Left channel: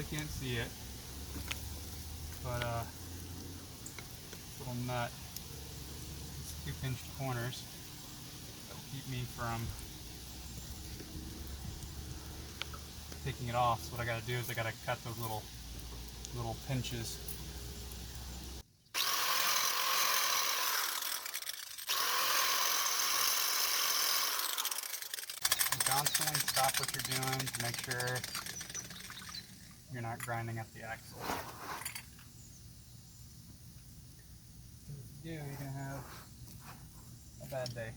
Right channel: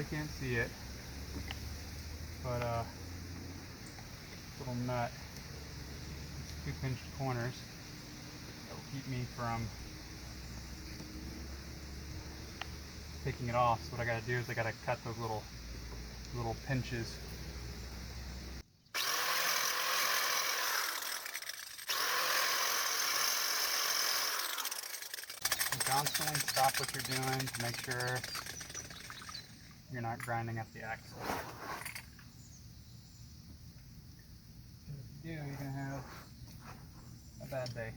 probably can't see it, but little nut, these 2 pinched corners that will keep me from taking it off. So what I got to do is I got to cut those little pinches. Constantly stop what you're doing to make sure you're not grinding up the axle. If you do, you're going to have a bad day.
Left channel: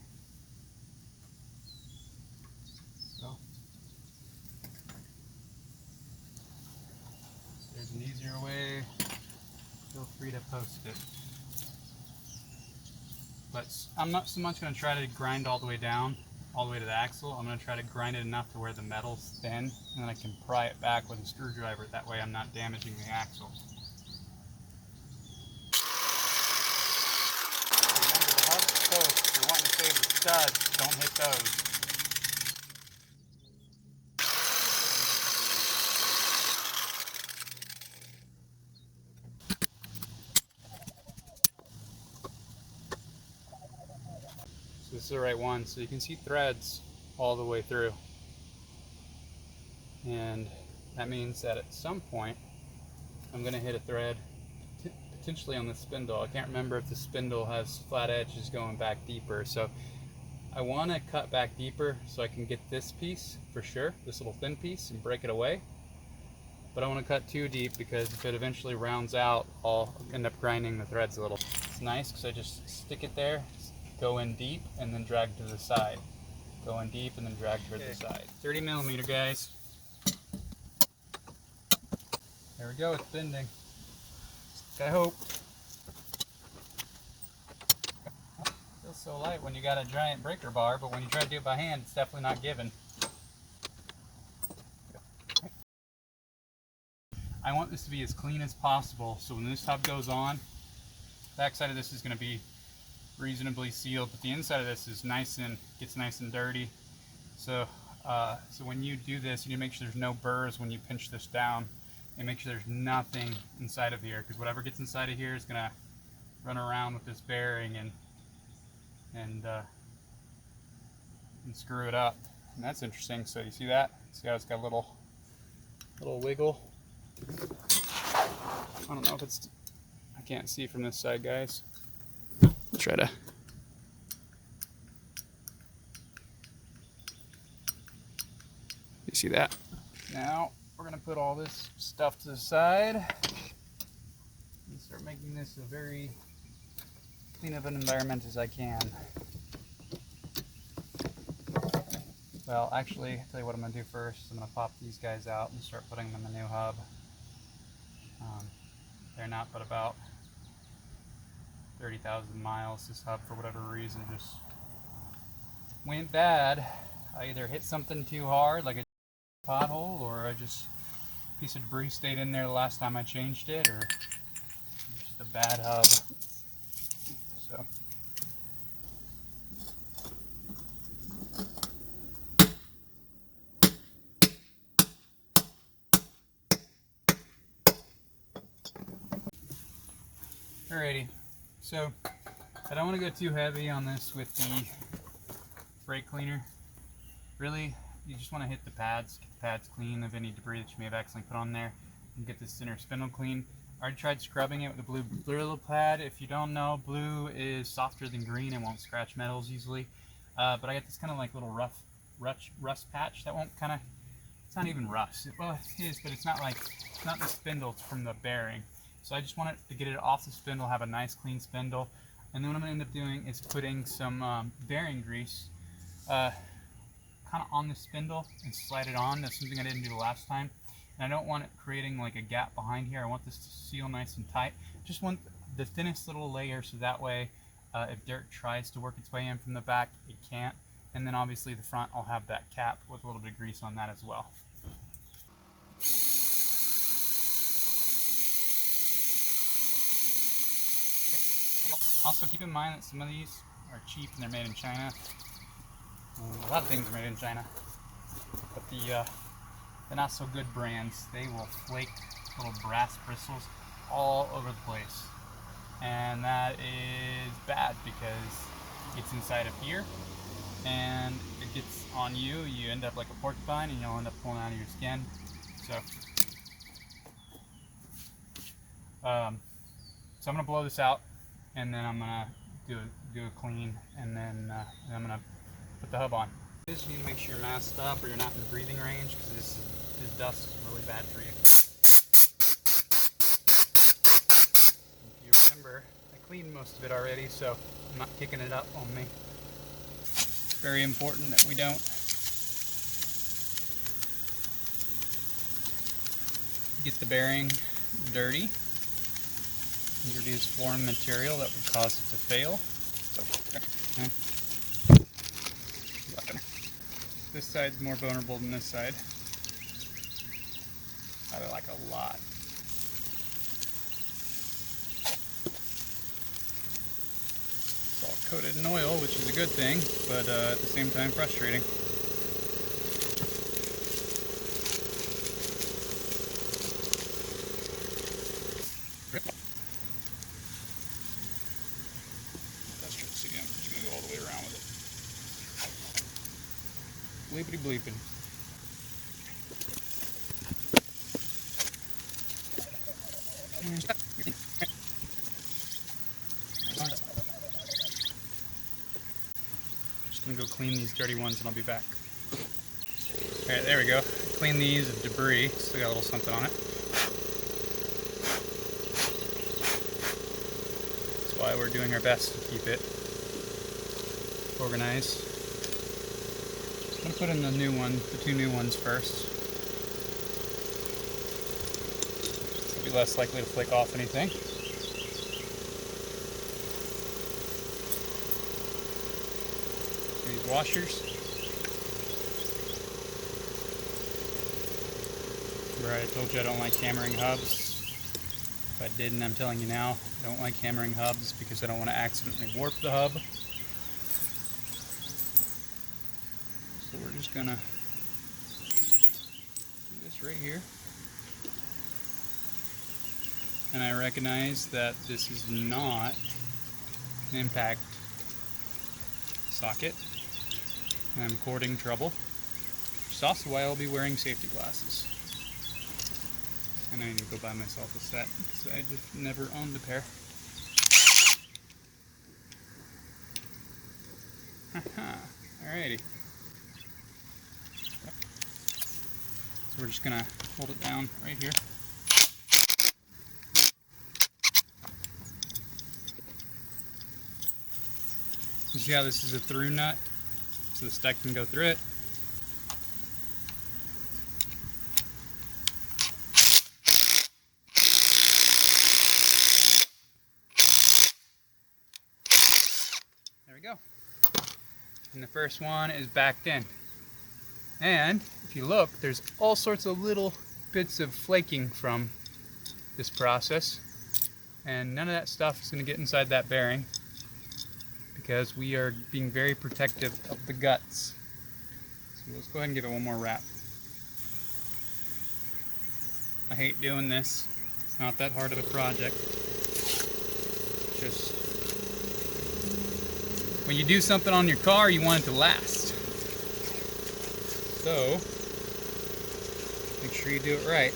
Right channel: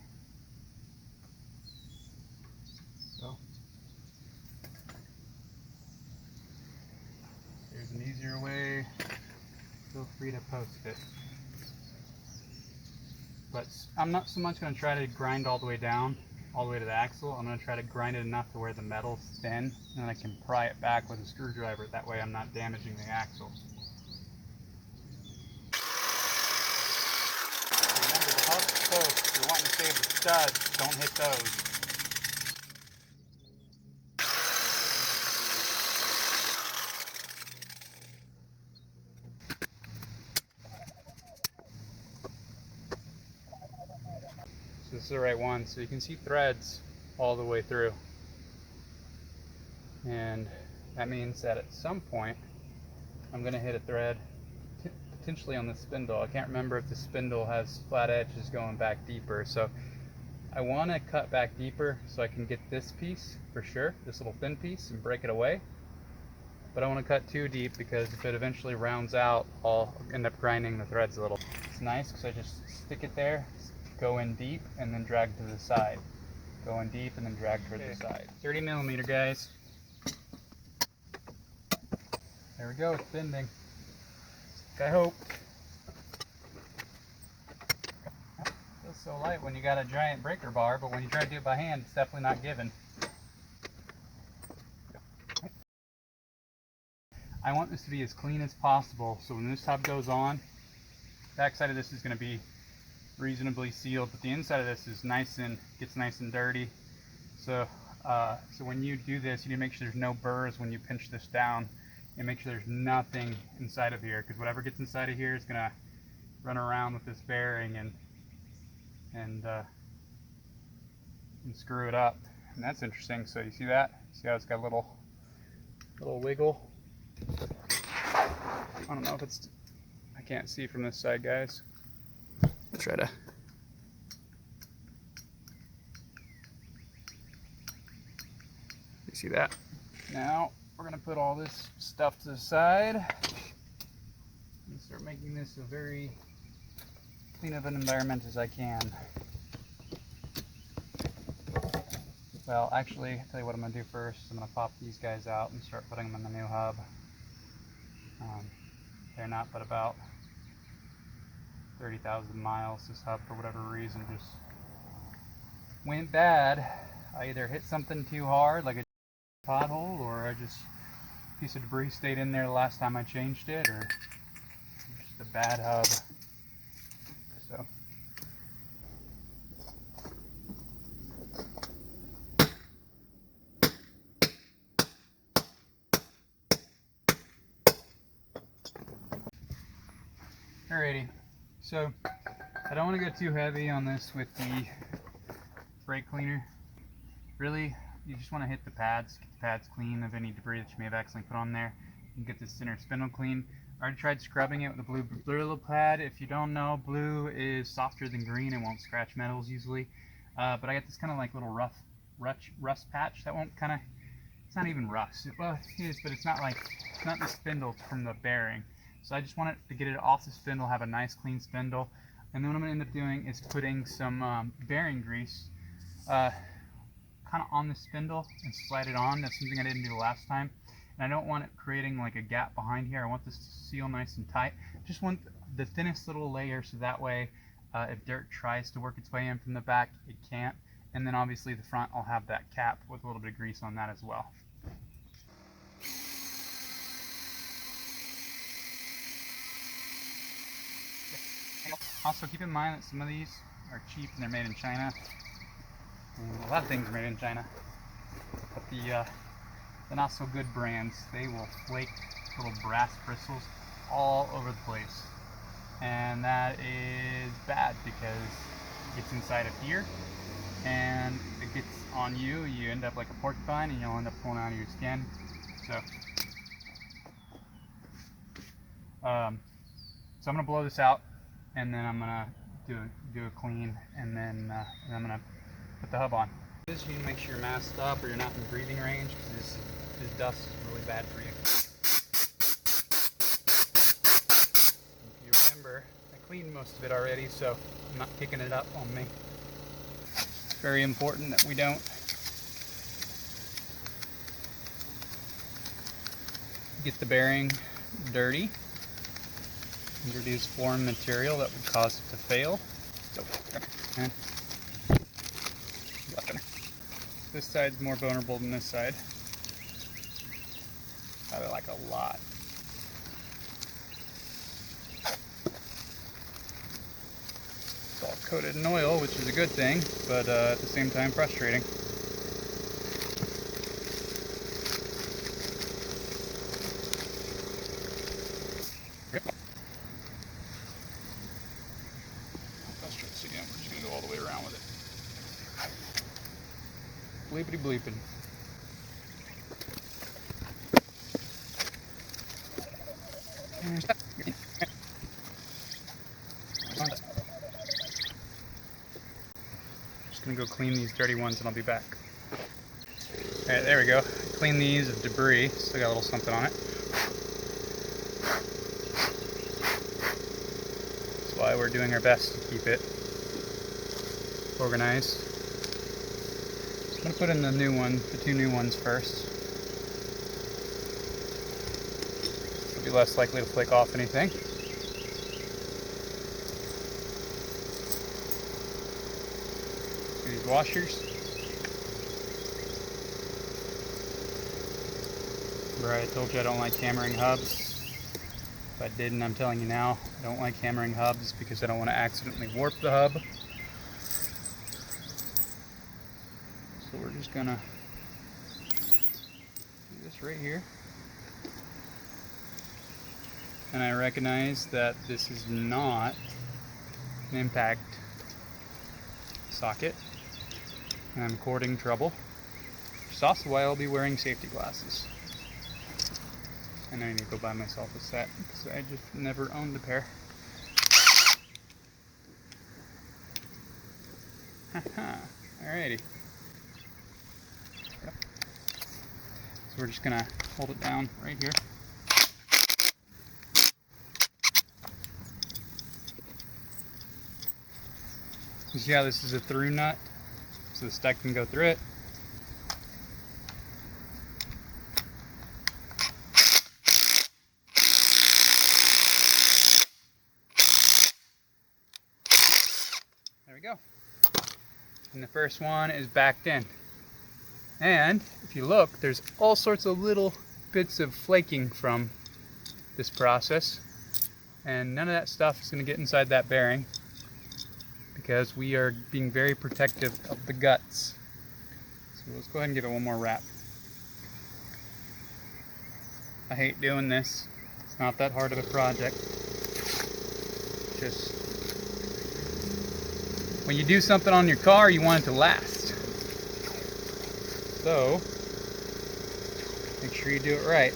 So, if there's an easier way, feel free to post it. But I'm not so much going to try to grind all the way down, all the way to the axle. I'm going to try to grind it enough to where the metal's thin, and then I can pry it back with a screwdriver. That way I'm not damaging the axle. Remember, the hub's first. You're wanting to save the studs. Don't hit those. So this is the right one. So you can see threads all the way through. And that means that at some point I'm going to hit a thread potentially on the spindle. I can't remember if the spindle has flat edges going back deeper, so I want to cut back deeper so I can get this piece for sure, this little thin piece, and break it away. But I want to cut too deep because if it eventually rounds out, I'll end up grinding the threads a little. It's nice because I just stick it there, go in deep, and then drag to the side. Go in deep and then drag towards the side. 30 millimeter, guys. There we go, it's bending. Like I hoped. Feels so light when you got a giant breaker bar, but when you try to do it by hand, it's definitely not given. I want this to be as clean as possible, so when this hub goes on, the backside of this is going to be reasonably sealed, but the inside of this is gets nice and dirty. So when you do this, you need to make sure there's no burrs when you pinch this down, and make sure there's nothing inside of here, because whatever gets inside of here is gonna run around with this bearing and screw it up. And that's interesting. So you see that? See how it's got a little wiggle? I don't know if it's, I can't see from this side, guys. I'll try to. You see that? Now we're going to put all this stuff to the side and start making this a very clean of an environment as I can. Well, actually, I'll tell you what I'm going to do first. I'm going to pop these guys out and start putting them in the new hub. They're not but about 30,000 miles. This hub, for whatever reason, just went bad. I either hit something too hard, like a pothole, or a piece of debris stayed in there the last time I changed it, or just a bad hub. So alrighty, so I don't want to go too heavy on this with the brake cleaner. Really, you just want to hit the pads, get the pads clean of any debris that you may have accidentally put on there, and get the center spindle clean. I already tried scrubbing it with a blue Brillo pad. If you don't know, blue is softer than green and won't scratch metals easily. But I got this kind of like little rust patch that won't it's not even rust. Well, it is, but it's not the spindle, it's from the bearing. So I just want to get it off the spindle, have a nice clean spindle. And then what I'm going to end up doing is putting some bearing grease kind of on the spindle and slide it on. That's something I didn't do the last time. And I don't want it creating like a gap behind here. I want this to seal nice and tight. Just want the thinnest little layer so that way if dirt tries to work its way in from the back, it can't. And then obviously the front, I'll have that cap with a little bit of grease on that as well. Also keep in mind that some of these are cheap and they're made in China. A lot of things are made in China. But the the not so good brands, they will flake little brass bristles all over the place. And that is bad because it's inside of here and it gets on you. You end up like a porcupine and you'll end up pulling out of your skin. So I'm gonna blow this out, and then I'm gonna do a clean, and then I'm gonna put the hub on. You need to make sure you're masked up or you're not in breathing range, because this dust is really bad for you. If you remember, I cleaned most of it already, so I'm not picking it up on me. It's very important that we don't get the bearing dirty. Introduce foreign material that would cause it to fail. This side's more vulnerable than this side. Probably like a lot. It's all coated in oil, which is a good thing, but at the same time frustrating. Again, we're just going to go all the way around with it. Bleepity bleeping. Just going to go clean these dirty ones and I'll be back. Alright, there we go. Clean these of debris. Still got a little something on it. That's why we're doing our best to keep it organized. I'm going to put in the two new ones first. It'll be less likely to flake off anything. These washers. Remember I told you I don't like hammering hubs? If I didn't, I'm telling you now, I don't like hammering hubs because I don't want to accidentally warp the hub. So we're just gonna do this right here. And I recognize that this is not an impact socket, and I'm courting trouble, which is also why I'll be wearing safety glasses. And I need to go buy myself a set because I just never owned a pair. Alrighty. So we're just gonna hold it down right here. You see how this is a through nut? So the stud can go through it. There we go. And the first one is backed in. And if you look, there's all sorts of little bits of flaking from this process. And none of that stuff is going to get inside that bearing because we are being very protective of the guts. So let's go ahead and give it one more wrap. I hate doing this. It's not that hard of a project. Just when you do something on your car, you want it to last. So, make sure you do it right.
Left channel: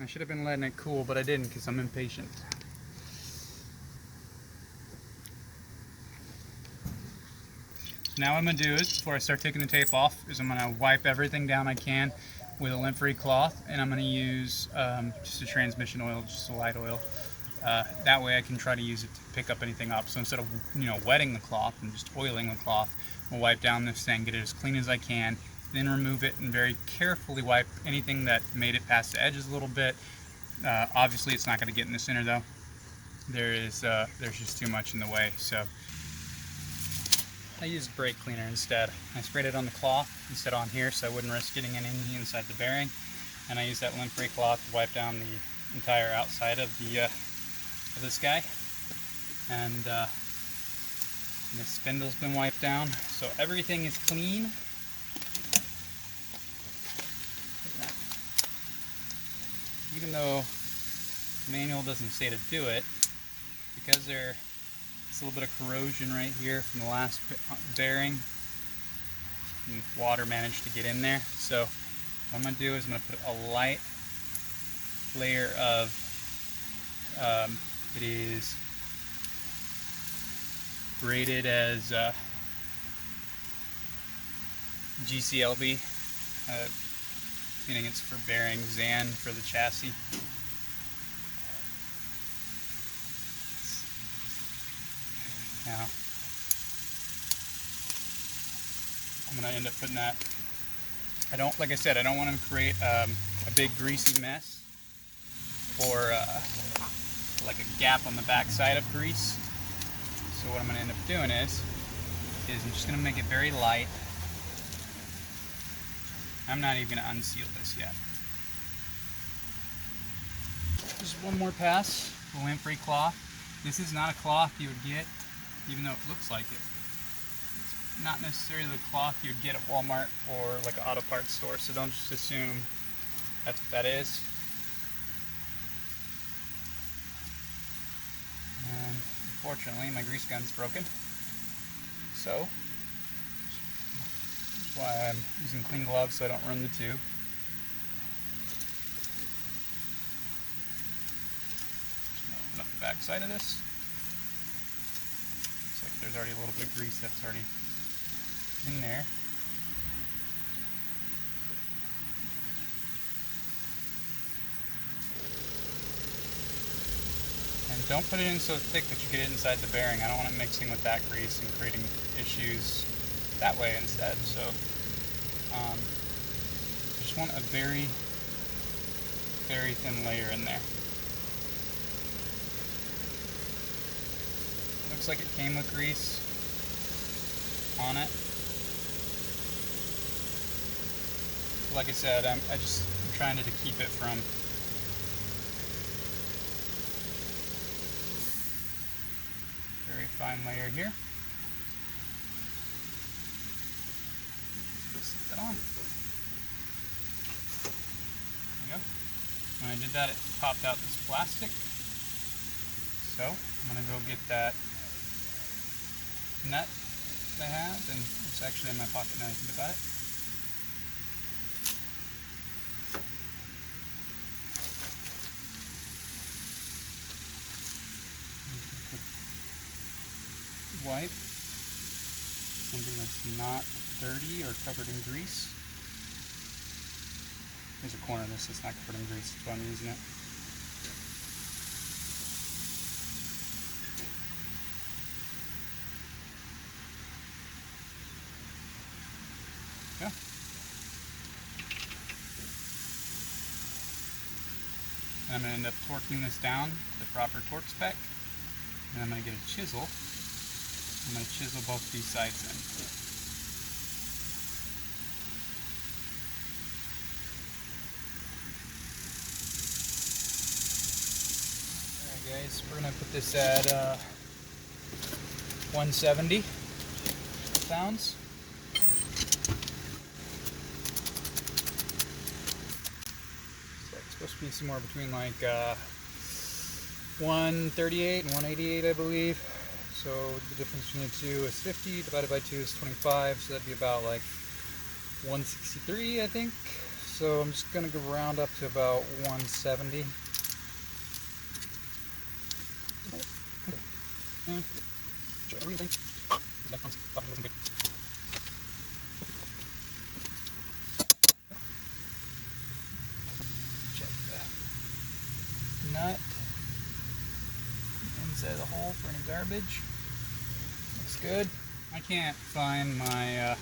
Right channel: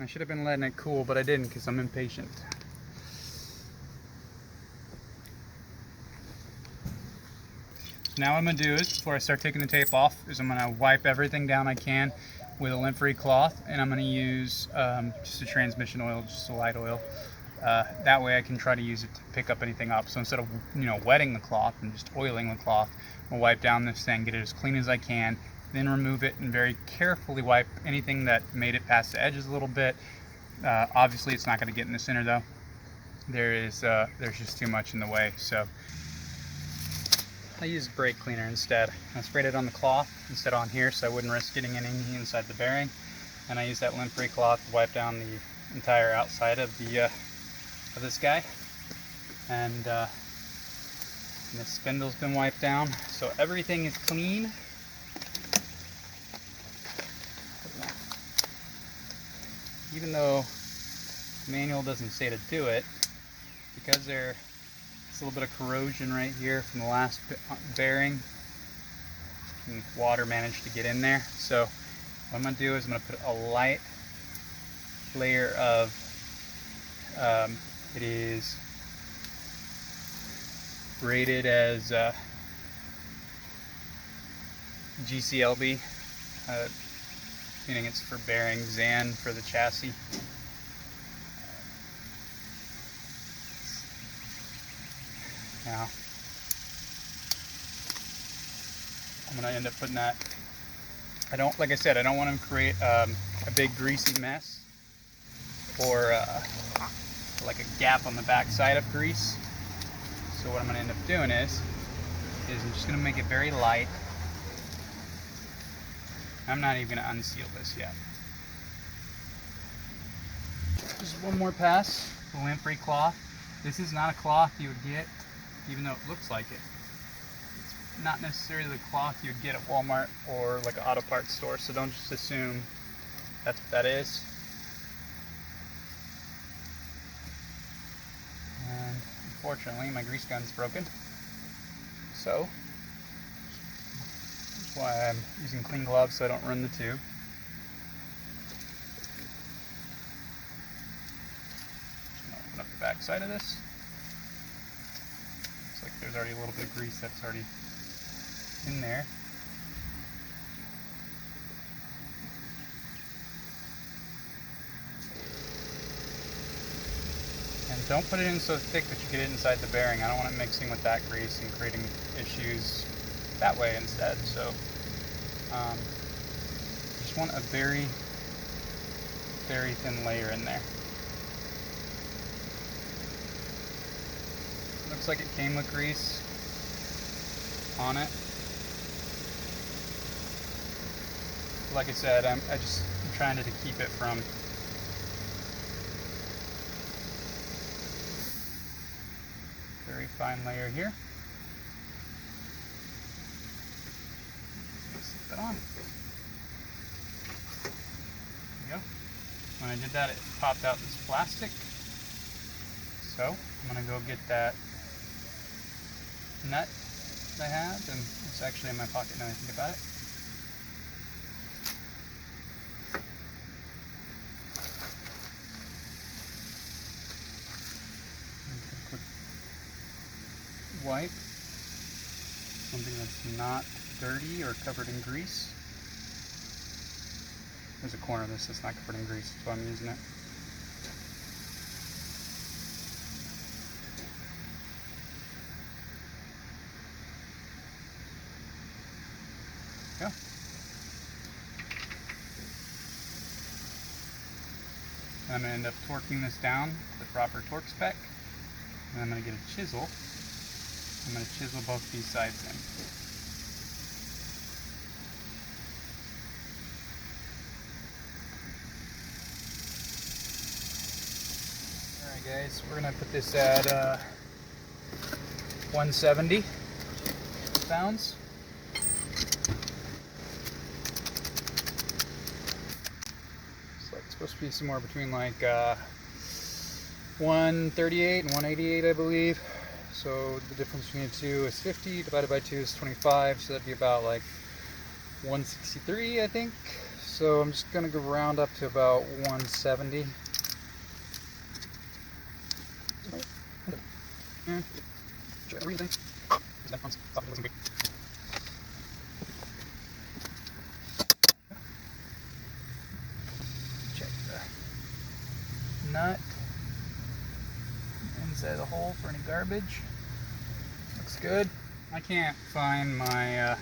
I should have been letting it cool, but I didn't because I'm impatient. Now what I'm going to do is, before I start taking the tape off, is I'm going to wipe everything down I can with a lint-free cloth, and I'm going to use just a transmission oil, just a light oil. That way I can try to use it to pick up anything up. So instead of wetting the cloth and just oiling the cloth, I'll wipe down this thing, get it as clean as I can, then remove it and very carefully wipe anything that made it past the edges a little bit. Obviously it's not going to get in the center though. There's just too much in the way. So I used brake cleaner instead. I sprayed it on the cloth instead on here so I wouldn't risk getting anything inside the bearing. And I used that lint-free cloth to wipe down the entire outside of the of this guy. And And the spindle's been wiped down, so everything is clean. Even though the manual doesn't say to do it, because there's a little bit of corrosion right here from the last bearing, and water managed to get in there. So what I'm going to do is I'm going to put a light layer of, it is rated as GCLB, meaning it's for bearings and for the chassis. Now, I'm going to end up putting that, like I said, I don't want to create a big greasy mess or like a gap on the back side of grease. So what I'm going to end up doing is I'm just going to make it very light. I'm not even going to unseal this yet. Just one more pass, a lint-free cloth. This is not a cloth you would get, even though it looks like it. It's not necessarily the cloth you'd get at Walmart or like an auto parts store, so don't just assume that's what that is. And unfortunately, my grease gun's broken, so that's why I'm using clean gloves so I don't run the tube. Just gonna open up the back side of this. Looks like there's already a little bit of grease that's already in there. And don't put it in so thick that you get it inside the bearing. I don't want it mixing with that grease and creating issues that way instead. So just want a very, very thin layer in there. Looks like it came with grease on it. Like I said, I'm trying to keep it from very fine layer here. Slip that on. There you go. When I did that, it popped out this plastic. So I'm gonna go get that nut that I have, and it's actually in my pocket now I think about it. Wipe something that's not dirty or covered in grease. There's a corner of this that's not covered in grease, that's why I'm using it. Yeah. And I'm going to end up torquing this down to the proper torque spec, and I'm going to get a chisel. I'm going to chisel both these sides in. Alright guys, we're going to put this at 170 pounds. It's like supposed to be somewhere between like 138 and 188 I believe. So the difference between the two is 50, divided by 2 is 25, so that'd be about like 163, I think. So I'm just going to go round up to about 170. Check the nut. Inside the hole for any garbage. Looks good. I can't find my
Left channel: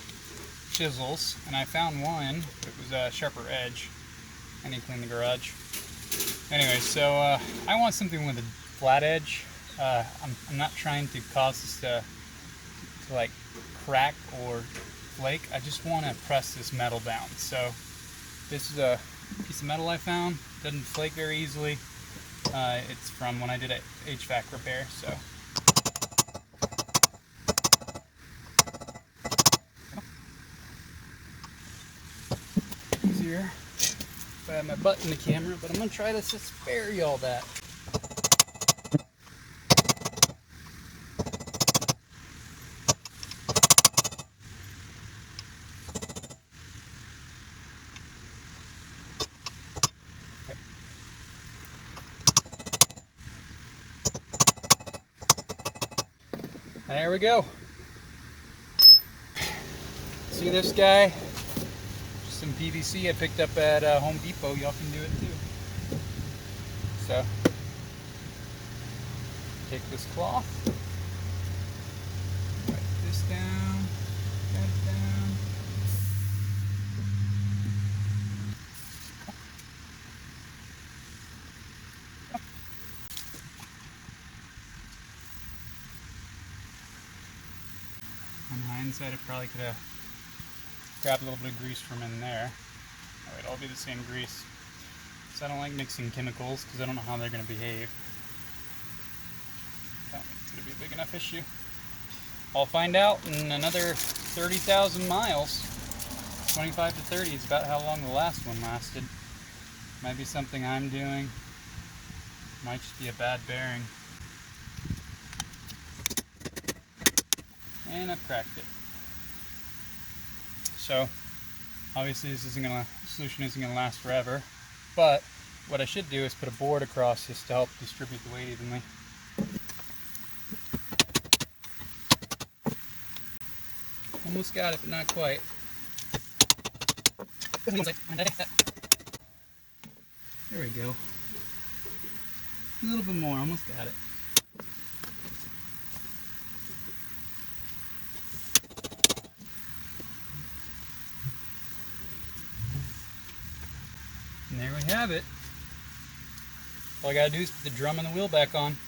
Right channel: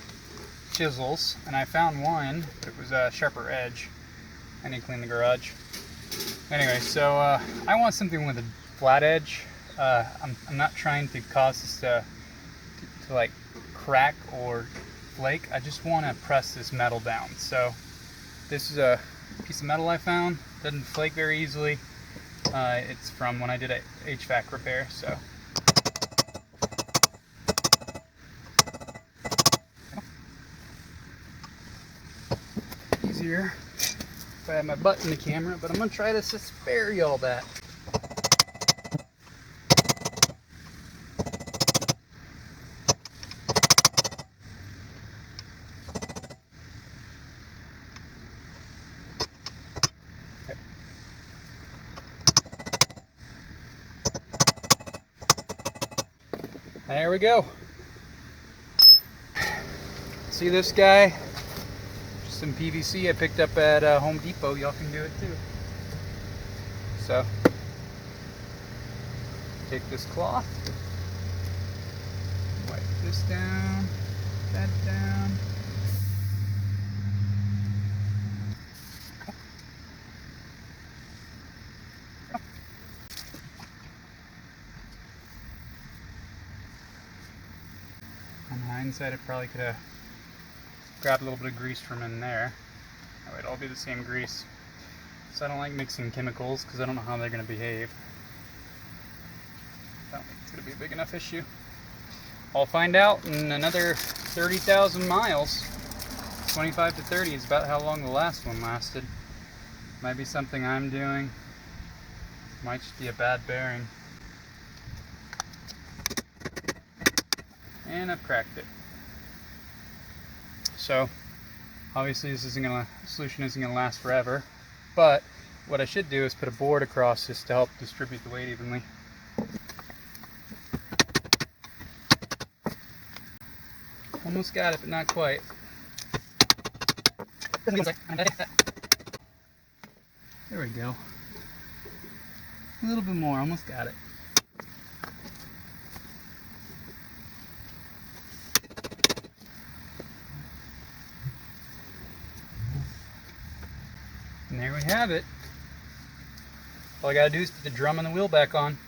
chisels, and I found one, but it was a sharper edge. I need to clean the garage. Anyway, so I want something with a flat edge. I'm not trying to cause this to like crack or flake. I just want to press this metal down. So this is a piece of metal I found. Doesn't flake very easily. It's from when I did a HVAC repair, so here if I have my butt in the camera, but I'm going to try to spare y'all that. There we go. See this guy? Just some PVC I picked up at Home Depot. Y'all can do it too. So, take this cloth, wipe this down, that down. On hindsight, I probably could have grabbed a little bit of grease from in there. That way it'll all be the same grease. So I don't like mixing chemicals because I don't know how they're going to behave. I don't think it's going to be a big enough issue. I'll find out in another 30,000 miles. 25 to 30 is about how long the last one lasted. Might be something I'm doing. Might just be a bad bearing. And I've cracked it. So obviously this solution isn't gonna last forever, but what I should do is put a board across this to help distribute the weight evenly. Almost got it, but not quite. There we go. A little bit more, almost got it. And there we have it. All I gotta do is put the drum and the wheel back on.